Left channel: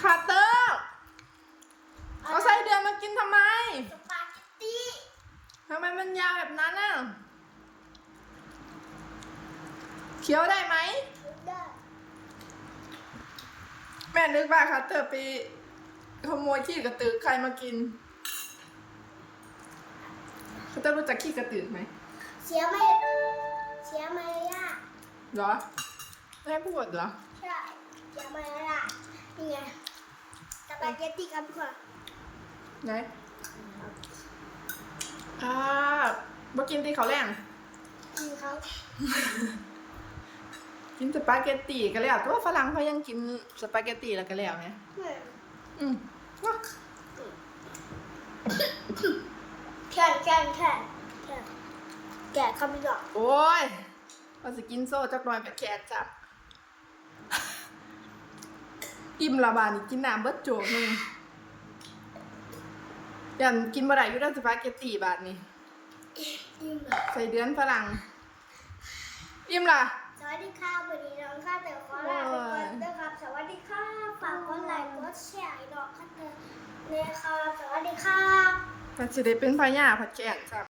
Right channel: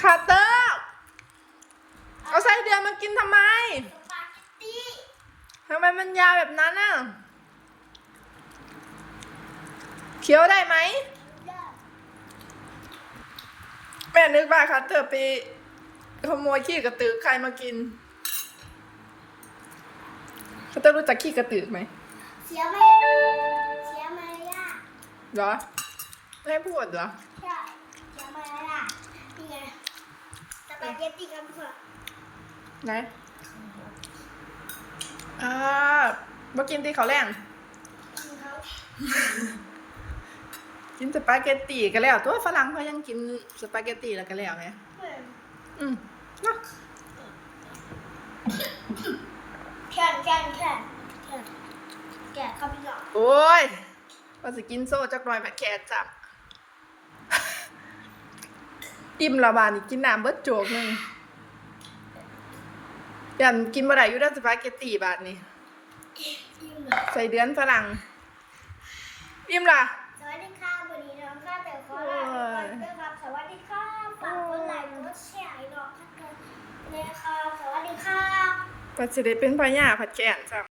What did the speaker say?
คาร์เตอร์เอาไส้เดือนมากินทำไมสปาเกตตี้ทำไมมันยาวแบบนั้นน่ะเคี้ยวได้ไหมได้แม่นึกว่าคาร์เตอร์ไปขโมยขี้กระตือใครมากินคาร์เตอร์รู้จักขี้กระตือไหมเสียไม่เสียมารยาทเหรอไม่ให้พูดเหรอใช่เสียมารยาทนี่ไงส ปาเกตตี้กันค่ะไหนอ่าบ่กินตีเขาวแรง คือเขากินสปาเกตตีกันแล้ว ตัวฝรั่งเขายังกินสปาเกตตีแล้วกันแล้วไงเหมือนอืมเนาะแค่นแค่นแค่นแค่นแกะเข้าไปก่อน โอ้ยว่าสิกินโซ่จักหน่อยแบบแขกจับ อิ่มละบาดนี่กินน้ำเบิดโจกหนึงยันกินบ่ได้อยู่ด้านสปาเกตตีบาทนี่ยิ้มเลยใส่เดือนฝรั่งอิ่มล่ะสวัสดีค่ะวันนี้น้องข้าเต๋อขอลาไปก่อนด้วยครับสวัสดีค่ะฝากกดไลค์กดแชร์ให้น้องข้าเต๋อเลยค่ะสวัสดีค่ะปัจจุบันเป็นพญาผัดแกงจ้ะ